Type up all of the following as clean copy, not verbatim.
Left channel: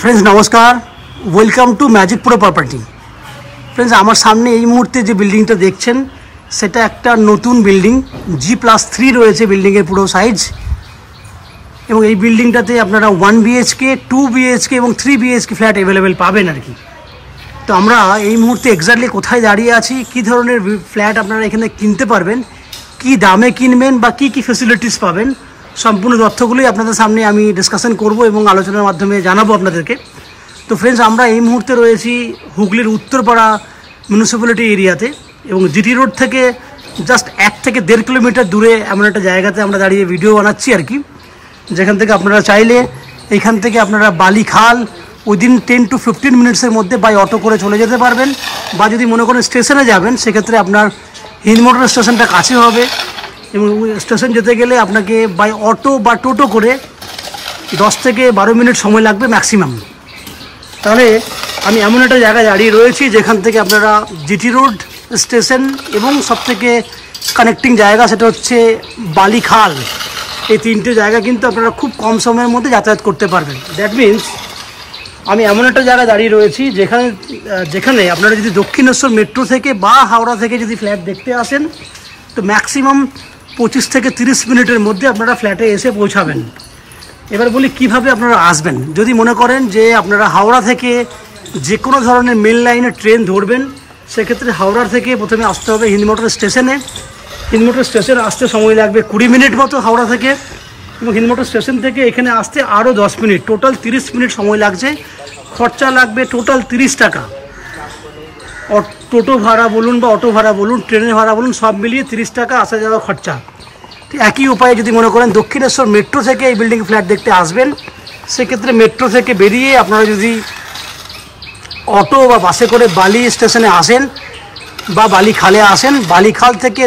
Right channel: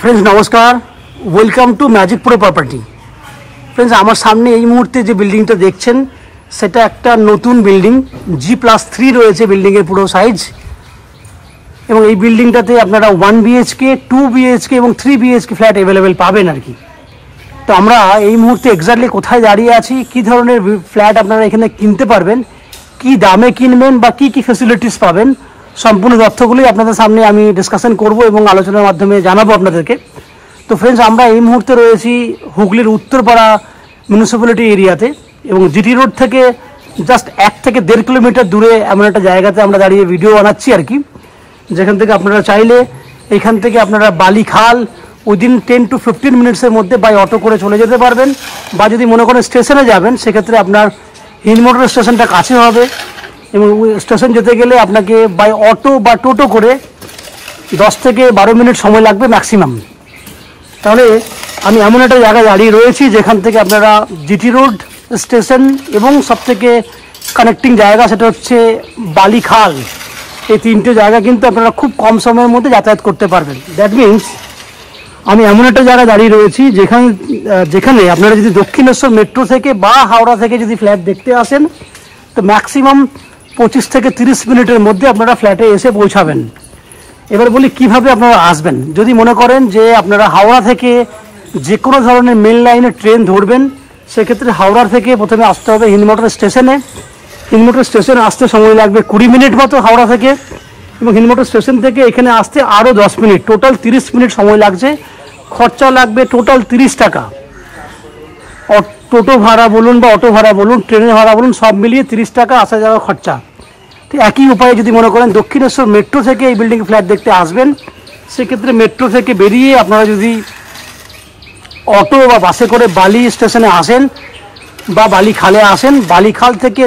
Friends नमस्कार, welcome to Magic Pro Property. Friends आमार सामने এই মুহূর্তে যে বিল্ডিংটা দেখছেন সেটা একটা নতুন বিল্ডিং, G+3 রয়েছে বিল্ডিংয়ের পুরো সাইজ। এবং এই বিল্ডিংটাতে আপনারা 1 BHK, 2 BHK এবং 3 BHK ফ্ল্যাট অ্যাভেলেবেল পাবেন আর কি। তো আমরা এই মুহূর্তে এক্স্যাক্টলি কোথায় দাঁড়িয়ে আছি, কী ধরনের ফ্ল্যাট আপনারা এখানে কিনতে পারবেন, কী দামে কিনবেন বা কী কী ফ্যাসিলিটিস পাবেন, সম্পূর্ণ তথ্যগুলোই আপনাদের সামনে আমি ডিসকাশন করব এবং আলোচনার মাধ্যমে জানাবো আপনাদেরকে। তো ফ্রেন্ডস আমরা এই মুহূর্তে রয়েছি হুগলির উত্তরপাড়া মিউনিসিপ্যালিটি এরিয়াতে এবং জিটি রোড থেকে জাস্ট 1 থেকে 1.5 কিলোমিটার দূরে এমন একটা জায়গাতে আমরা দাঁড়িয়ে ভিডিও বানাচ্ছি আর কি, যেখান থেকে আপনারা চাইলে এইখান থেকে আপনারা বালিখাল উইদিন 10 to 15 মিনিটসের মধ্যে বাই অটো করে চলে যেতে পারবেন। বা যদি মনে করেন স্টেশনে যাবেন সেক্ষেত্রে আপনার হিন্দমোটর স্টেশনটা কাছে হবে এবং স্টেশন যেতে গেলে আপনাকে বাই অটো বা টোটো করে 10 থেকে 12 মিনিট সময় লাগবে ম্যাক্সিমাম। তাহলে আমি এমন একটা জায়গায় দাঁড়িয়ে রয়েছি যেখান থেকে আপনারা জিটি রোড স্টেশন এবং সবথেকে কানেক্টিং জায়গা সেটা হচ্ছে বালিখাল, এই 3টে জায়গা কিন্তু আপনারা খুব কম সময়ের মধ্যে যাতায়াত করতে পারবেন। দ্যাট মিনস আমি এমন একটা জায়গায় দাঁড়িয়ে রয়েছি যেখানে আপনারা যদি দক্ষিণেশ্বর মেট্রো থেকে বা হাওড়া থেকে যদি ফ্ল্যাট দেখতে আসেন তো ম্যাক্সিমাম 25 থেকে 30 মিনিটের মধ্যে আপনারা ফ্ল্যাটে এসে পৌঁছাবেন। এবার বলি কিভাবে আপনারা আসবেন। যদি মনে করেন যে আপনারা হাওড়া থেকে যে কোনো ধরনের মেল লাইনে ট্রেন ধরবেন সেক্ষেত্রে হাওড়া থেকে প্রথমে আসতে হবে হিন্দমোটর স্টেশনে। হিন্দমোটর স্টেশনে আসতে সময় লাগবে 20 মিনিট মতো হাওড়া থেকে, এবং হিন্দমোটর স্টেশন থেকে এখানে আসতে আরও 10 মিনিট, টোটাল 30 মিনিট সময় লাগছে। খরচা লাগবে টোটাল 30 টাকা। টোটো ভাড়া বলুন বা অটো ভাড়া বলুন, ট্রেনের ভাড়া বলুন, সব মিলিয়ে 30 টাকা আসা যাওয়া খরচা। ঠিক একই উপায়ে যদি মনে করেন দক্ষিণেশ্বর মেট্রো থেকে এই বিল্ডিং ফ্ল্যাট দেখতে আসবেন সেক্ষেত্রে মেট্রো থেকে বেরিয়ে আপনারা যদি অটো বা বাসে করে বালি স্টেশনে আসেন বা বালিখালে আসেন, বালিখাল থেকে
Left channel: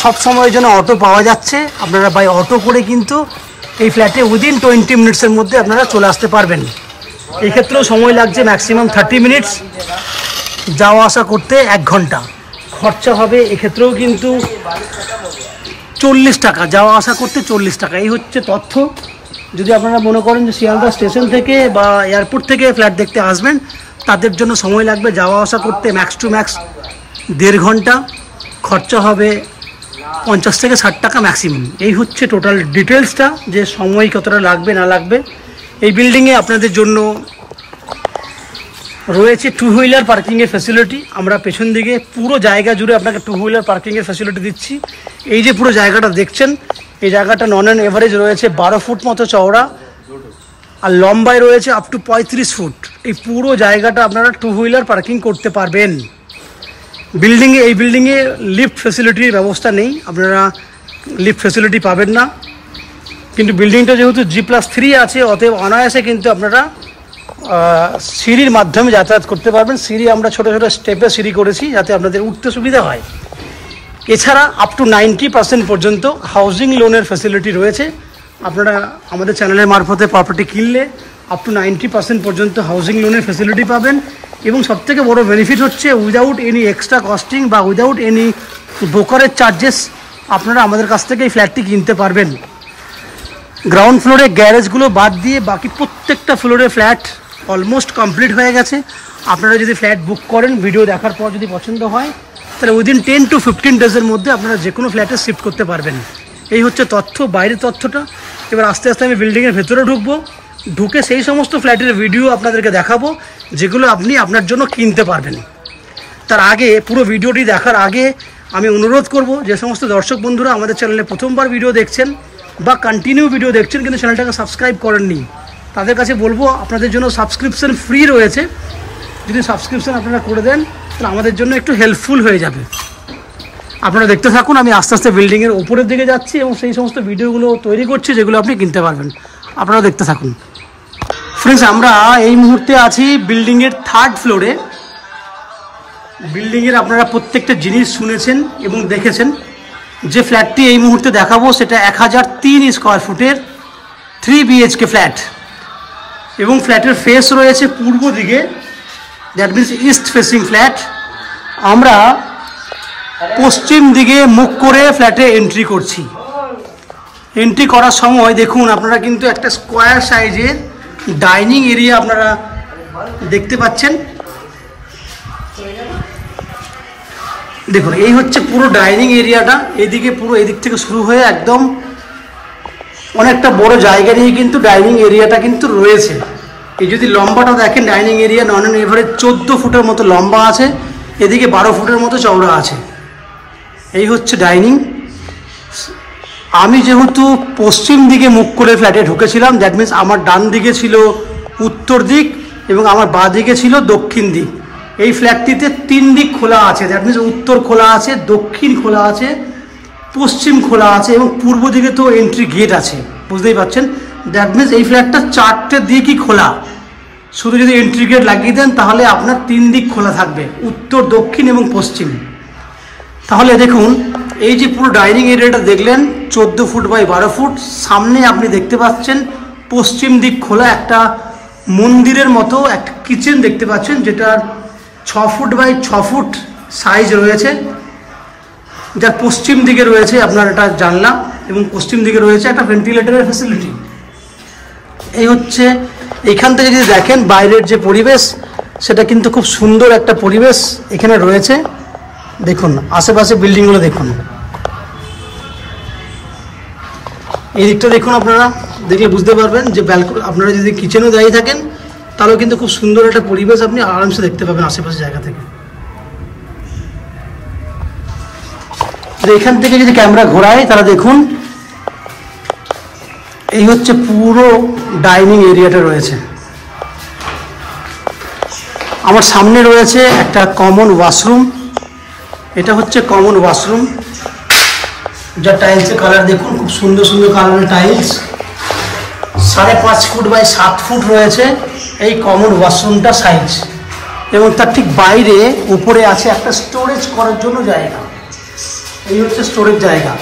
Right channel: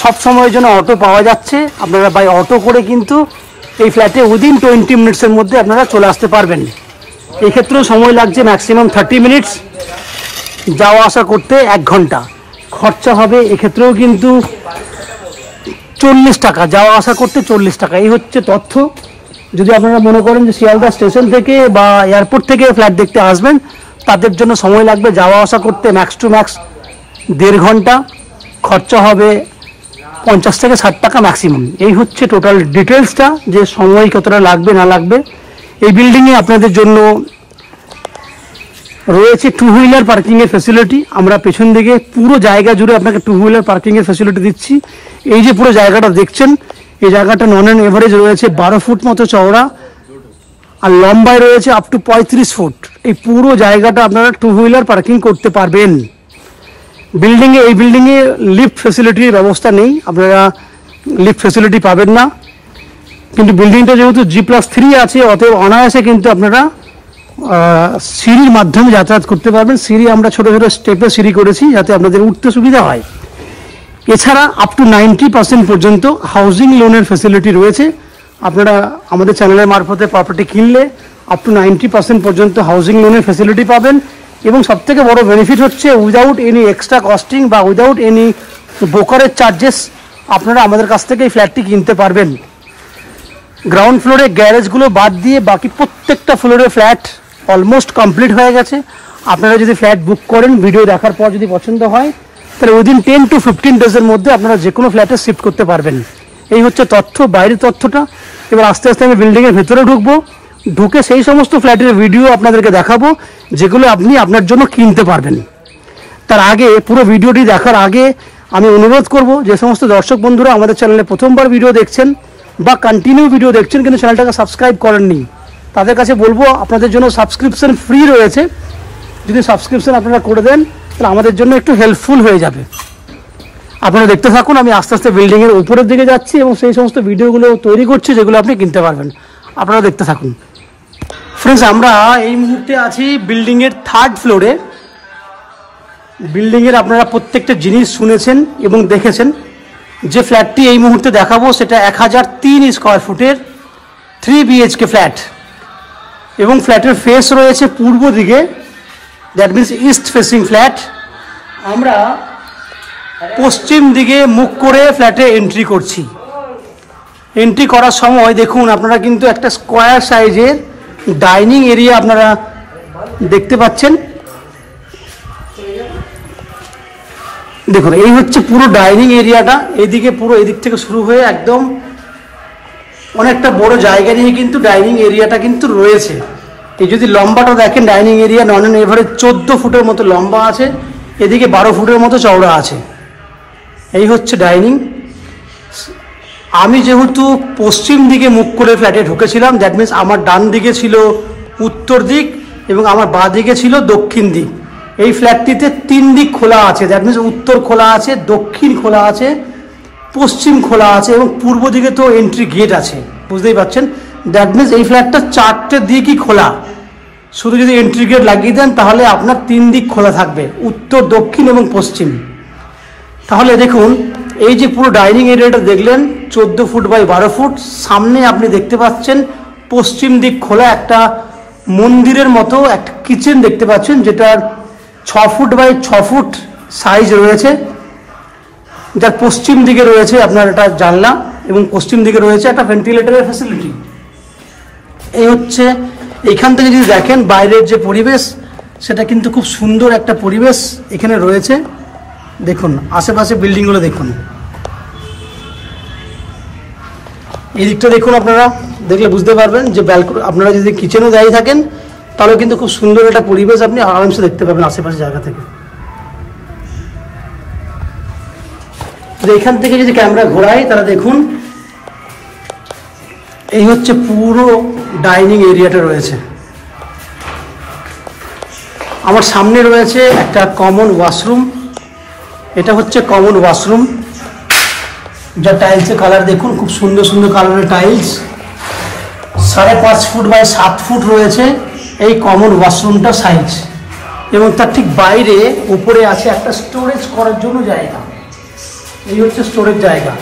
সব সময়ের জন্য অটো পাওয়া যাচ্ছে। আপনারা বাই অটো করে কিন্তু এই ফ্ল্যাটে উইদিন 20 মিনিটসের মধ্যে আপনারা চলে আসতে পারবেন। এক্ষেত্রেও সময় লাগছে ম্যাক্সিমাম 30 মিনিটস, যাওয়া আসা করতে 1 ঘন্টা। খরচা হবে এক্ষেত্রেও কিন্তু 40 টাকা, যাওয়া আসা করতে 40 টাকা। এই হচ্ছে তথ্য। যদি আপনারা মনে করেন যে শিয়ালদা স্টেশন থেকে বা এয়ারপোর্ট থেকে ফ্ল্যাট দেখতে আসবেন তাদের জন্য সময় লাগবে যাওয়া আসা করতে ম্যাক্স টু ম্যাক্স 1.5 ঘন্টা। খরচা হবে 50 থেকে 60 টাকা ম্যাক্সিমাম। এই হচ্ছে টোটাল ডিটেলসটা, যে সময় কতটা লাগবে না লাগবে। এই বিল্ডিংয়ে আপনাদের জন্য রয়েছে 2 হুইলার পার্কিংয়ের ফ্যাসিলিটি। আমরা পেছন দিকে পুরো জায়গা জুড়ে আপনাকে 2 হুইলার পার্কিংয়ের ফ্যাসিলিটি দিচ্ছি। এই যে পুরো জায়গাটা দেখছেন এই জায়গাটা নন অ্যান এভারেজ রয়েছে 12 ফুট মতো চওড়া আর লম্বায় রয়েছে আপ টু 35 ফুট। এই পুরো জায়গাটা আপনারা 2 হুইলার পার্কিং করতে পারবেন। এই বিল্ডিংয়ে লিফট ফ্যাসিলিটির ব্যবস্থা নেই, আপনারা লিফট ফ্যাসিলিটি পাবেন না। কিন্তু বিল্ডিংটা যেহেতু G+3 আছে অতএব অনায়াসে কিন্তু আপনারা সিঁড়ির মাধ্যমে যাতায়াত করতে পারবেন। সিঁড়ি আমরা ছোট ছোট স্টেপে সিঁড়ি করেছি যাতে আপনাদের উঠতে সুবিধা হয়। এছাড়া আপ টু 90% পর্যন্ত হাউজিং লোনের ফ্যাসিলিটি রয়েছে। আপনারা আমাদের চ্যানেলের মারফতে প্রপার্টি কিনলে আপ টু 90% পর্যন্ত হাউজিং লোনের ফ্যাসিলিটি পাবেন। এবং সবথেকে বড় বেনিফিট হচ্ছে উইদাউট এনি এক্সট্রা কস্টিং বা উইদাউট এনি ব্রোকারেজ চার্জেস আপনারা আমাদের কাছ থেকে এই ফ্ল্যাটটি কিনতে পারবেন। গ্রাউন্ড ফ্লোরে গ্যারেজগুলো বাদ দিয়ে বাকি প্রত্যেকটা ফ্লোরে ফ্ল্যাট অলমোস্ট কমপ্লিট হয়ে গেছে। আপনারা যদি ফ্ল্যাট বুক করেন ভিডিও দেখার পর যদি পছন্দ হয় তাহলে উইদিন 10 to 15 ডেজের মধ্যে আপনারা যে কোনো ফ্ল্যাটে শিফট করতে পারবেন। এই হচ্ছে তথ্য, বাইরের তথ্যটা। এবার আস্তে আস্তে আমি বিল্ডিংয়ের ভেতরে ঢুকবো, ঢুকে সেই সমস্ত ফ্ল্যাটের ভিডিও আপনাদেরকে দেখাবো যেগুলো আপনি আপনার জন্য কিনতে পারবেন। তার আগে পুরো ভিডিওটি দেখার আগে আমি অনুরোধ করব যে সমস্ত দর্শক বন্ধুরা আমাদের চ্যানেলে প্রথমবার ভিডিও দেখছেন বা কন্টিনিউ ভিডিও দেখছেন কিন্তু চ্যানেলটাকে সাবস্ক্রাইব করেননি, তাদের কাছে বলবো আপনাদের জন্য সাবস্ক্রিপশন ফ্রি রয়েছে। যদি সাবস্ক্রিপশন আপনারা করে দেন তাহলে আমাদের জন্য একটু হেল্পফুল হয়ে যাবে। আপনারা দেখতে থাকুন, আমি আস্তে আস্তে বিল্ডিংয়ের উপরের দিকে যাচ্ছি এবং সেই সমস্ত ভিডিওগুলো তৈরি করছি যেগুলো আপনি কিনতে পারবেন। আপনারা দেখতে থাকুন। ফ্রেন্ডস আমরা এই মুহূর্তে আছি বিল্ডিংয়ের 3rd ফ্লোরে। বিল্ডিংয়ের আপনারা প্রত্যেকটা জিনিস শুনেছেন এবং দেখেছেন। যে ফ্ল্যাটটি এই মুহূর্তে দেখাবো সেটা 1003 স্কোয়ার ফুটের 3 BHK ফ্ল্যাট এবং ফ্ল্যাটের ফেস রয়েছে পূর্ব দিকে, that means east facing flat. আমরা পশ্চিম দিকে মুখ করে ফ্ল্যাটে এন্ট্রি করছি। এন্ট্রি করার সময় দেখুন আপনারা কিন্তু একটা স্কোয়ার সাইজের ডাইনিং এরিয়া আপনারা দেখতে পাচ্ছেন। দেখুন এই হচ্ছে পুরো ডাইনিং এরিয়াটা, এদিকে পুরো এদিক থেকে শুরু হয়ে একদম অনেকটা বড় জায়গা নিয়ে কিন্তু ডাইনিং এরিয়াটা কিন্তু রয়েছে। এই যদি লম্বাটা দেখেন dining area non and average 14 ফুটের মতো লম্বা আছে, এদিকে 12 ফুটের মতো চওড়া আছে। এই হচ্ছে ডাইনিং। আমি যেহেতু পশ্চিম দিকে মুখ করে ফ্ল্যাটে ঢুকেছিলাম, দ্যাট মিনস আমার ডান দিকে ছিল উত্তর দিক এবং আমার বাঁ দিকে ছিল দক্ষিণ দিক। এই ফ্ল্যাটটিতে 3 দিক খোলা আছে, দ্যাট মিনস উত্তর খোলা আছে, দক্ষিণ খোলা আছে, পশ্চিম খোলা আছে এবং পূর্ব দিকে তো এন্ট্রি গেট আছে, বুঝতেই পারছেন। দ্যাট মিনস এই ফ্ল্যাটটা 4টে দিকই খোলা। শুধু যদি এন্ট্রি গেট লাগিয়ে দেন তাহলে আপনার 3 দিক খোলা থাকবে, উত্তর, দক্ষিণ এবং পশ্চিম। তাহলে দেখুন এই যে পুরো ডাইনিং এরিয়াটা দেখলেন 14 ফুট বাই 12 ফুট, সামনে আপনি দেখতে পাচ্ছেন পশ্চিম দিক খোলা একটা মন্দিরের মতো একটা কিচেন দেখতে পাচ্ছেন, যেটার 6 ফুট বাই 6 ফুট সাইজ রয়েছে, যার পশ্চিম দিকে রয়েছে আপনার একটা জানলা এবং পশ্চিম দিকে রয়েছে একটা ভেন্টিলেটরের ফ্যাসিলিটি। এই হচ্ছে এখান থেকে যদি দেখেন বাইরের যে পরিবেশ, সেটা কিন্তু খুব সুন্দর একটা পরিবেশ এখানে রয়েছে। দেখুন আশেপাশে বিল্ডিংগুলো দেখুন, এই দিকটা দেখুন, আপনারা দেখলে বুঝতে পারবেন যে আপনারা যদি কিচেনেও দাঁড়িয়ে থাকেন তাহলে কিন্তু খুব সুন্দর একটা পরিবেশ আপনি আরামসে দেখতে পাবেন আশেপাশে জায়গা থেকে। এখান থেকে যদি ক্যামেরা ঘোরায় তাহলে দেখুন এই হচ্ছে পুরো ডাইনিং এরিয়াটা রয়েছে। আমার সামনে রয়েছে একটা কমন ওয়াশরুম, এটা হচ্ছে কমন ওয়াশরুম, যার টাইলসের কালার দেখুন খুব সুন্দর সুন্দর কালারের টাইলস। 5.5 ফুট বাই 7 ফুট রয়েছে এই কমন ওয়াশরুমটা সাইজ, এবং তার ঠিক বাইরে উপরে আছে একটা স্টোরেজ করার জন্য জায়গা। এই হচ্ছে স্টোরেজ জায়গা।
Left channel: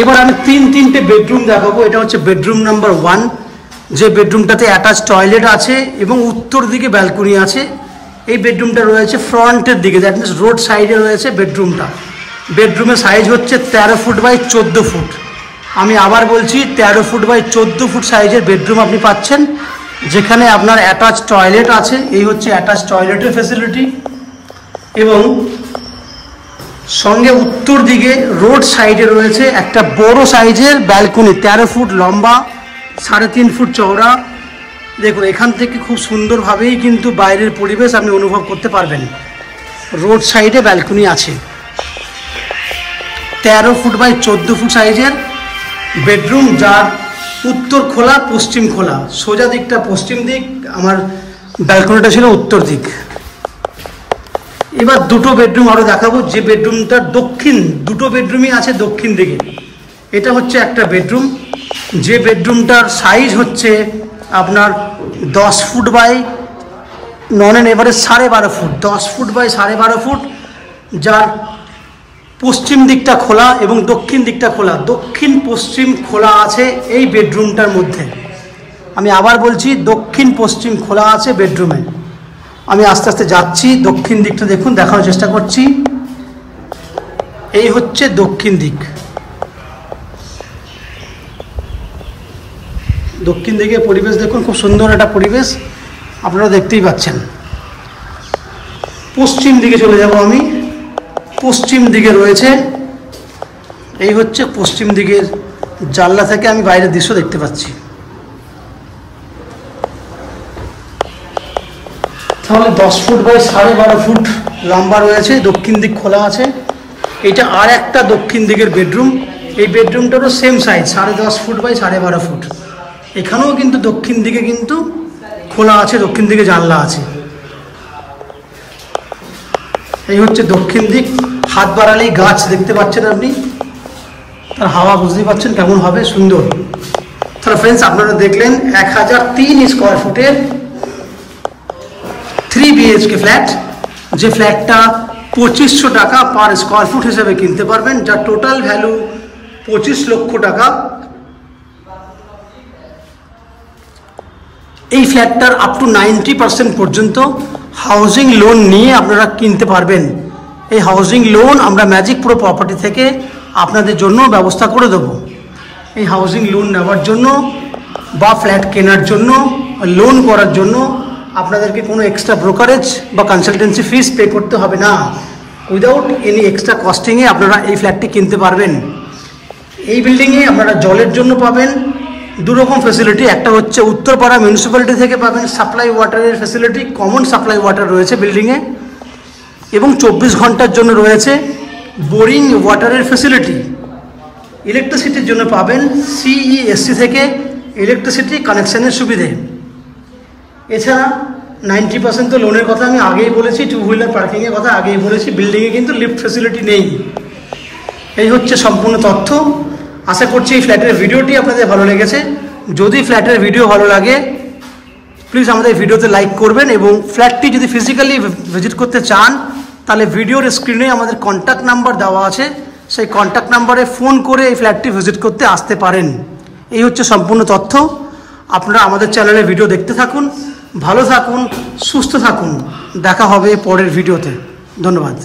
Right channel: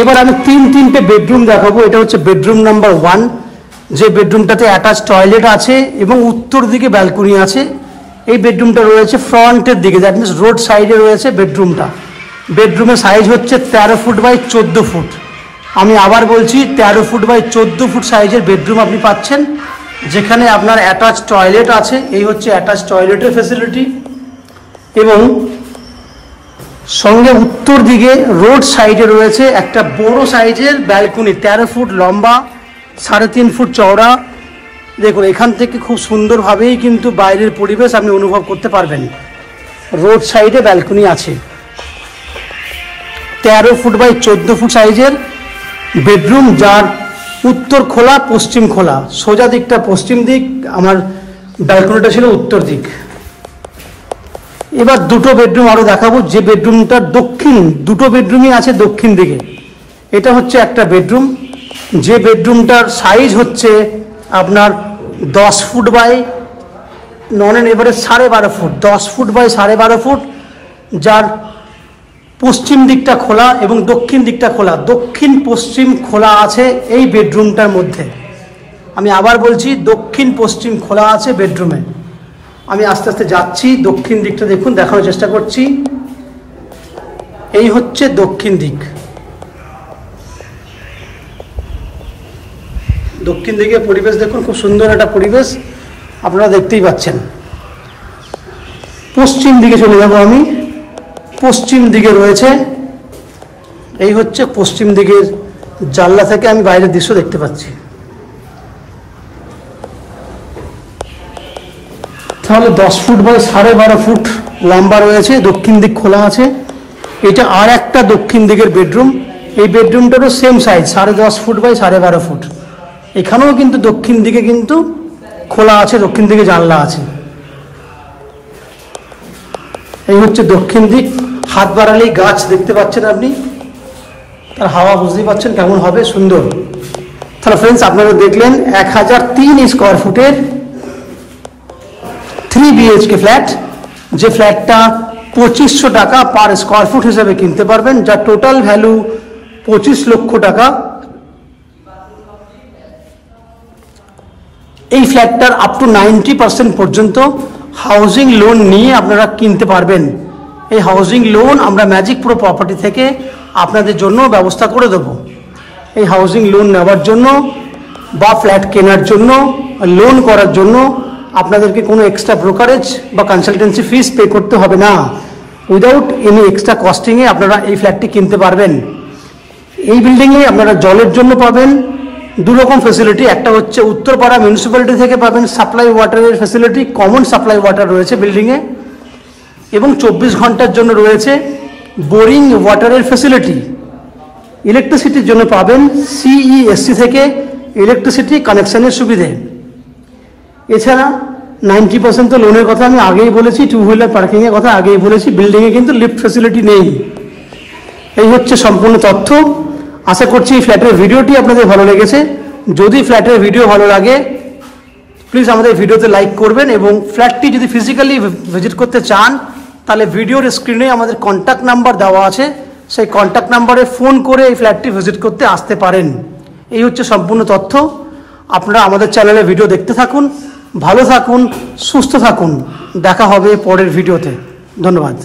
এবার আমি 3টে বেডরুম দেখাবো। এটা হচ্ছে বেডরুম নাম্বার 1, যে বেডরুমটাতে অ্যাটাচ টয়লেট আছে এবং উত্তর দিকে ব্যালকনি আছে। এই বেডরুমটা রয়েছে ফ্রন্টের দিকে, দ্যাট মিনস রোড সাইডে রয়েছে বেডরুমটা। বেডরুমের সাইজ হচ্ছে 13 ফুট বাই 14 ফুট। আমি আবার বলছি 13 ফুট বাই 14 ফুট সাইজের বেডরুম আপনি পাচ্ছেন, যেখানে আপনার অ্যাটাচ টয়লেট আছে। এই হচ্ছে অ্যাটাচ টয়লেটের ফ্যাসিলিটি, এবং সঙ্গে উত্তর দিকে রোড সাইডে রয়েছে একটা বড় সাইজের ব্যালকনি, 13 ফুট লম্বা, 3.5 ফুট চওড়া। দেখুন এখান থেকে খুব সুন্দরভাবেই কিন্তু বাইরের পরিবেশ আপনি অনুভব করতে পারবেন। রোড সাইডে ব্যালকনি আছে। 13 ফুট বাই 14 ফুট সাইজের বেডরুম, যার উত্তর খোলা, পশ্চিম খোলা। সোজা দিকটা পশ্চিম দিক, আমার ব্যালকনিটা ছিল উত্তর দিক। এবার 2টো বেডরুম আরো দেখাবো, যে বেডরুমটা দুটো বেডরুমই আছে দক্ষিণ দিকে। এটা হচ্ছে একটা বেডরুম, যে বেডরুমটার সাইজ হচ্ছে আপনার 10 ফুট বাই নন and average 12.5 foot, 10 foot by 12.5 foot, যার পশ্চিম দিকটা খোলা এবং দক্ষিণ দিকটা খোলা, দক্ষিণ পশ্চিম খোলা আছে এই বেডরুমটার মধ্যে। আমি আবার বলছি দক্ষিণ পশ্চিম খোলা আছে বেডরুমে। আমি আস্তে আস্তে যাচ্ছি, দক্ষিণ দিকটা দেখুন, দেখানোর চেষ্টা করছি। এই হচ্ছে দক্ষিণ দিক। দক্ষিণ দিকে পরিবেশ দেখুন, খুব সুন্দর একটা পরিবেশ আপনারা দেখতেই পাচ্ছেন। পশ্চিম দিকে চলে যাব আমি। পশ্চিম দিকে রয়েছে, এই হচ্ছে পশ্চিম দিকের জানলা থেকে আমি বাইরের দৃশ্য দেখতে পাচ্ছি। তাহলে 10 ফুট বাই 12.5 ফুট লম্বা রয়েছে, দক্ষিণ দিক খোলা আছে। এটা আর একটা দক্ষিণ দিকের বেডরুম। এই বেডরুমটারও same size, 10.5 foot by 12.5 foot. এখানেও কিন্তু দক্ষিণ দিকে কিন্তু খোলা আছে, দক্ষিণ দিকে জানলা আছে। এই হচ্ছে দক্ষিণ দিক। হাত বাড়ালেই গাছ দেখতে পাচ্ছেন আপনি, তার হাওয়া বুঝতেই পাচ্ছেন কেমন হবে, সুন্দর। তাহলে ফ্রেন্ডস আপনারা দেখলেন 1003 স্কোয়ার ফুটের 3 BHK ফ্ল্যাট, যে ফ্ল্যাটটা 2500 টাকা পার স্কোয়ার ফুট হিসেবে কিনতে পারবেন, যার টোটাল ভ্যালু 25 লক্ষ টাকা। এই ফ্ল্যাটটার আপ টু 90% পর্যন্ত হাউজিং লোন নিয়ে আপনারা কিনতে পারবেন। এই হাউজিং লোন আমরা ম্যাজিক প্রো প্রপার্টি থেকে আপনাদের জন্য ব্যবস্থা করে দেব। এই হাউজিং লোন নেওয়ার জন্য বা ফ্ল্যাট কেনার জন্য, লোন করার জন্য আপনাদেরকে কোনো এক্সট্রা ব্রোকারেজ বা কনসালটেন্সি ফিস পে করতে হবে না। উইদাউট এনি এক্সট্রা কস্টিংয়ে আপনারা এই ফ্ল্যাটটি কিনতে পারবেন। এই বিল্ডিংয়ে আপনারা জলের জন্য পাবেন দুরকম ফেসিলিটি। একটা হচ্ছে উত্তরপাড়া মিউনিসিপ্যালিটি থেকে পাবেন সাপ্লাই ওয়াটারের ফেসিলিটি, কমন সাপ্লাই ওয়াটার রয়েছে বিল্ডিংয়ে, এবং 24 ঘন্টার জন্য রয়েছে বোরিং ওয়াটারের ফেসিলিটি। ইলেকট্রিসিটির জন্য পাবেন CESC থেকে ইলেকট্রিসিটি কানেকশনের সুবিধে। এছাড়া 90% তো লোনের কথা আমি আগেই বলেছি, 2 হুইলার পার্কিংয়ের কথা আগেই বলেছি। বিল্ডিংয়ে কিন্তু লিফট ফেসিলিটি নেই। এই হচ্ছে সম্পূর্ণ তথ্য। আশা করছি এই ফ্ল্যাটের ভিডিওটি আপনাদের ভালো লেগেছে। যদি ফ্ল্যাটের ভিডিও ভালো লাগে প্লিজ আমাদের ভিডিওতে লাইক করবেন, এবং ফ্ল্যাটটি যদি ফিজিক্যালি ভিজিট করতে চান তাহলে ভিডিওর স্ক্রিনে আমাদের কন্ট্যাক্ট নাম্বার দেওয়া আছে, সেই কন্ট্যাক্ট নাম্বারে ফোন করে এই ফ্ল্যাটটি ভিজিট করতে আসতে পারেন। এই হচ্ছে সম্পূর্ণ তথ্য। আপনারা আমাদের চ্যানেলে ভিডিও দেখতে থাকুন, ভালো থাকুন, সুস্থ থাকুন। দেখা হবে পরের ভিডিওতে। ধন্যবাদ।